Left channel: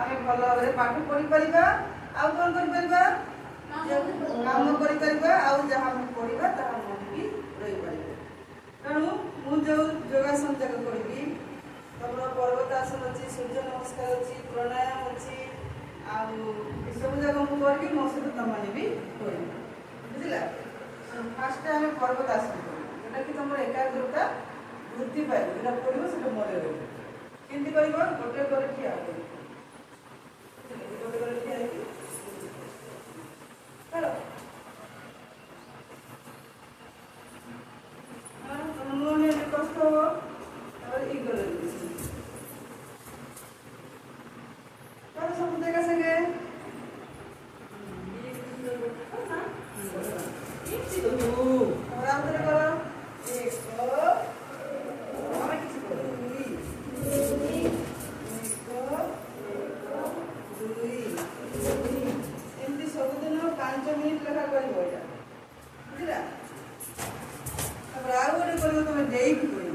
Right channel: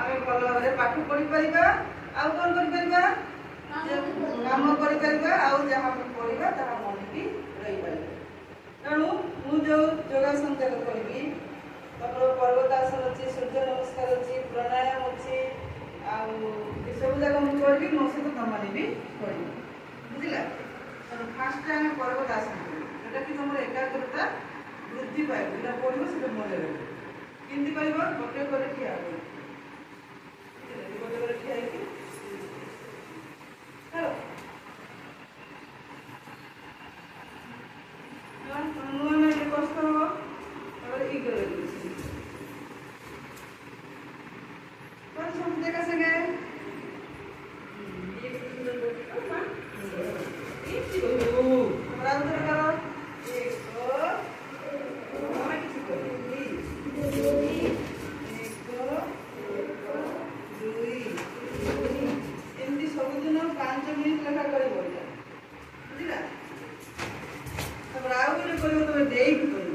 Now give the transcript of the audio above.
आम भल भाव पाठ पढ़ी पार आउ कौन कर काम कर पढ़ा मन भी रही पार तेणु मुझे योगासन जाक करी तुम पर्वतासन अच्छी सूर्य नमस्कार अच्छी प्राणायाम अच्छी सब जाक मुझे करी मो सहित तुम भी कर बुझला फास्ट आम पर्वतासन करा कि तुम एकाग्रता वृद्धि पाइब जो पढ़ो से मन रही केमती कर गोटे गोटे ठिया गोटे गोटे ठिया हेलो नुआ में कष्ट हम इग्नोर सब देखा संगे सबुदिन 5 मिनिट लेखा कर बुझला आउ गोटे कर तुम डेक कर